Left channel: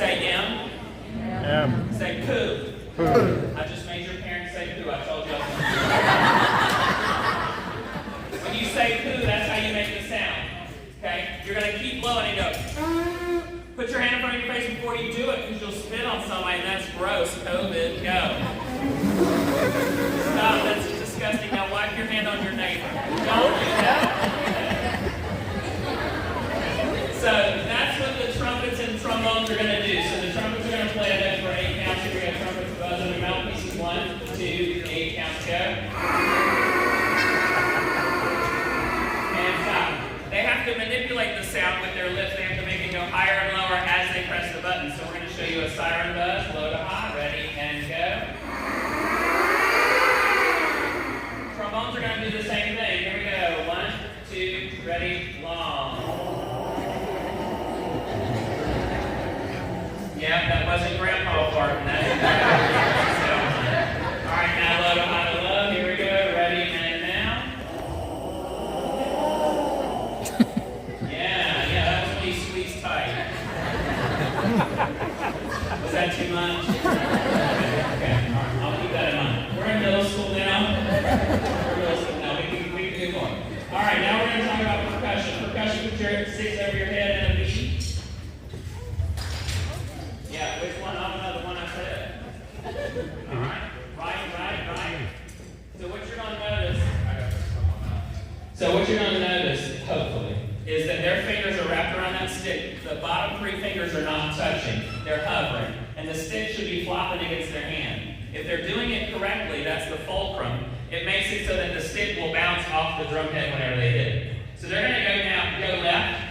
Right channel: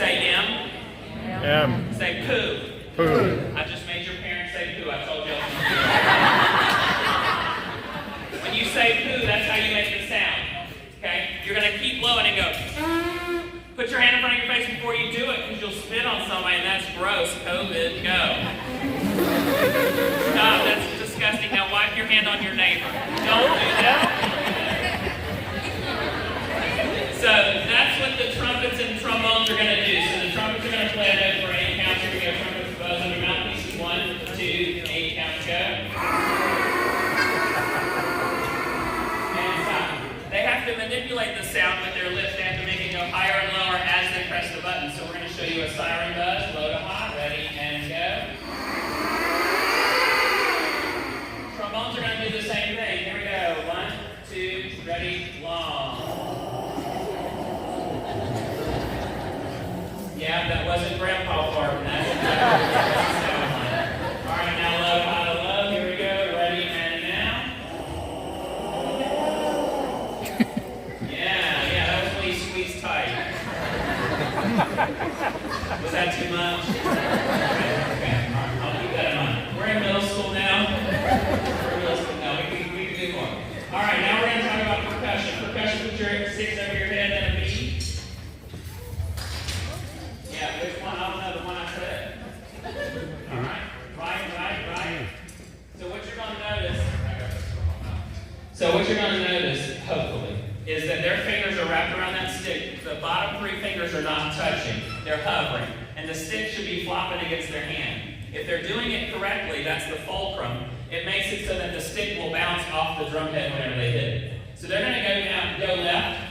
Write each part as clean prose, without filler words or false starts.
Say M. M. Say poo. Poo. I just made your parents say poo. I told you. When you say poo, that's how you make the sound. Okay? You're going to keep blowing and go. Put your hand in front of your face before you do it, because you'll spit on somebody, and that's gross. COVID, go. Stop, that's disgusting. Now wipe your hand on your neighbor. Don't do that. So that's what the trumpets and trombones are going to do. So the trumpets are going to play a note for 8 counts. Here we go. Trumpets, buzz on your mouthpieces. 1, 2, 8 counts, go. And stop. They have to manipulate the sound with their lips. They have to make it go higher and lower as they press the button. So we're going to show you a siren buzz, low to high, ready, and go. Trombones are going to do the same thing. Here we go. 1, 2, ready, long. Yeah, that wasn't Grandpa farting. That's all right, now low to high to low. Here we go. Ready, and now. Yeah, that was when you squeezed tight. Was that too much? Okay, all right, I'll keep that in mind. We're in middle school now. We can do more. All right, now we're going to talk about percussion. Percussion, put your sticks over your head and a beat. Yeah, which one? I don't know, the one I said. All right, right. So what you're going to notice, hopefully, is that their fingers are wrapped around that stick. The bottom 3 fingers are not touching. They're hovering. And the stick should be flopping against their hand. If they're doing it correctly, that's the fulcrum. It makes it so that the stick will bounce off the drum head whenever they hit it. So they're going to go left.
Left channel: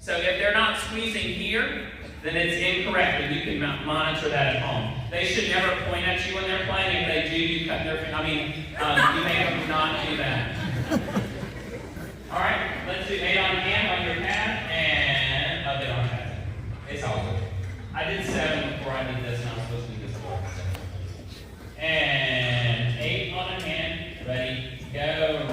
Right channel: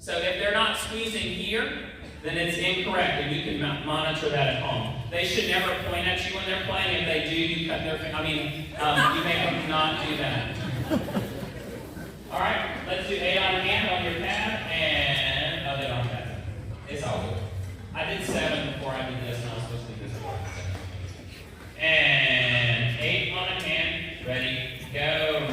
So if they're not squeezing here, then it's incorrect, and you can monitor that at home. They should never point at you when they're playing. If they do, you cut their finger. You make them not do that. All right, let's do 8 on your hand on your pad, and they don't have it. It's all good. I did 7 before I did this, and I was supposed to do this before. And 8 on a hand, ready, go.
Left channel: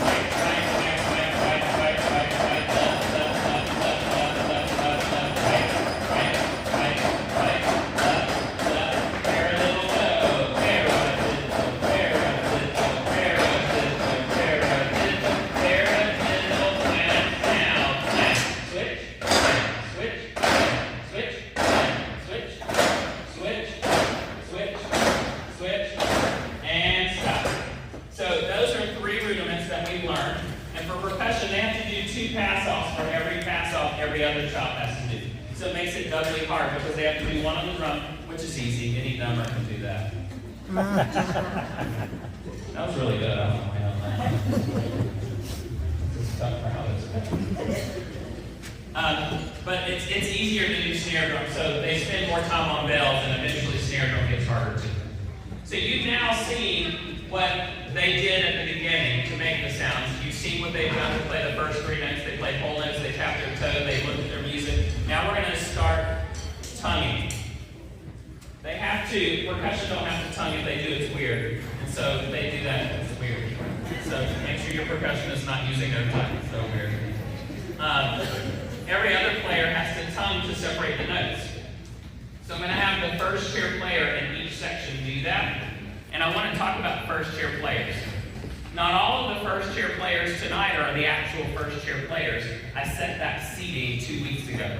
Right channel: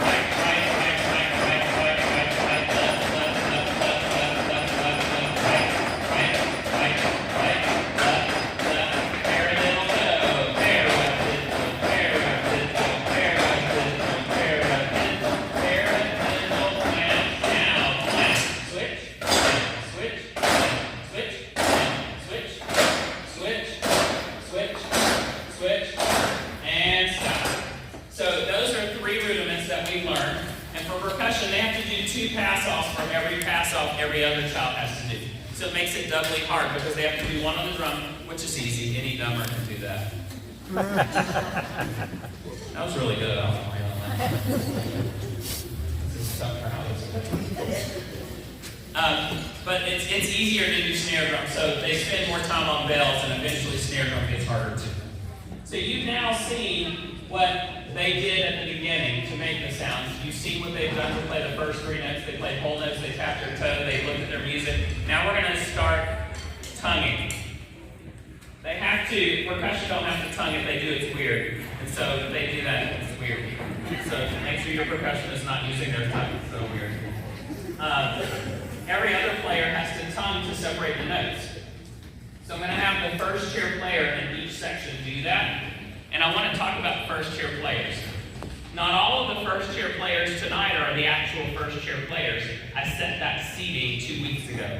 Every other child has to do. So it makes it doubly hard because they have to do one on the drum, which is easy. Any dumber can do that. That was really good. I don't know why I don't know. This is tough crowd. But it's easier to do snare drum. So they spend more time on bells, and eventually snare drum gets harder too. So you've now seen what they did at the beginning to make the sounds. You've seen what they've done to play the first 3 notes. They played whole notes, they tapped their toe, they looked at their music. Now we're going to start tonguing. They have to, percussion don't have to tongue. If they do, it's weird. And so if they do that, it's weird. So make sure your percussionist is not using their tongue. It's so weird. Every other player has to tongue to separate the notes. So I'm going to have the first chair player in each section do that. And I want to talk about first chair players. Not all of the first chair players tonight are the actual first chair players. I set that seating 2 weeks ago.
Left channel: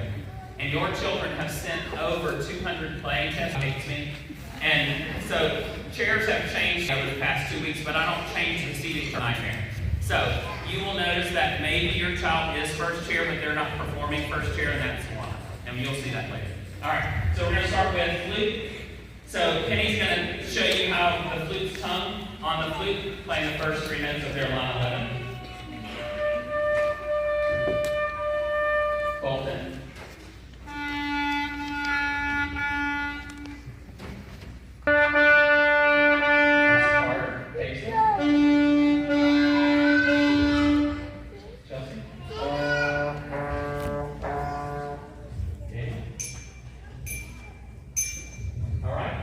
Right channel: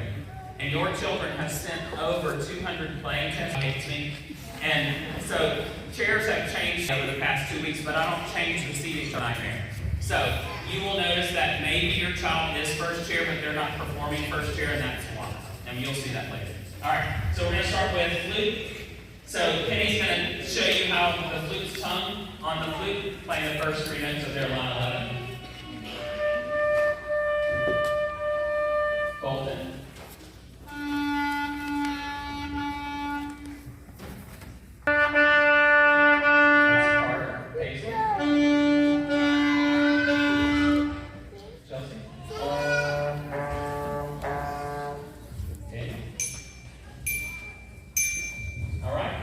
And your children have sent over 200 playing tests. Hates me. And so chairs have changed over the past 2 weeks, but I don't change the seating to nightmare. So you will notice that maybe your child is first chair, but they're not performing first chair, and that's why. And you'll see that later. All right, so we're going to start with flute. So Kenny's going to show you how the flute's tongue on the flute, playing the first 3 notes of their line 11. Colton.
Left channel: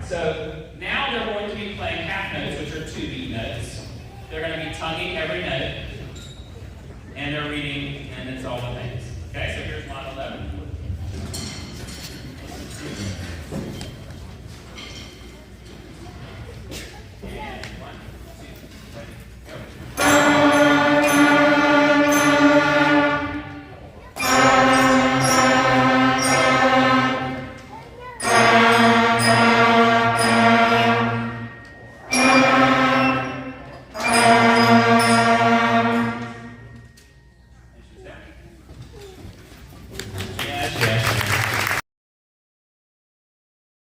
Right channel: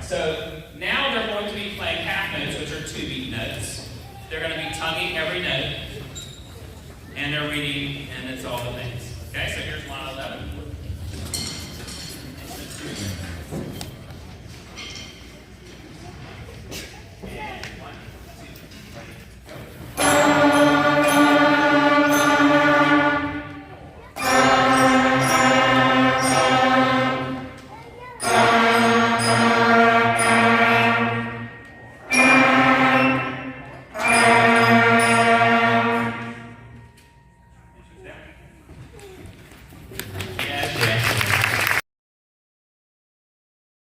So now they're going to be playing half notes, which are 2 beat notes. They're going to be tonguing every note.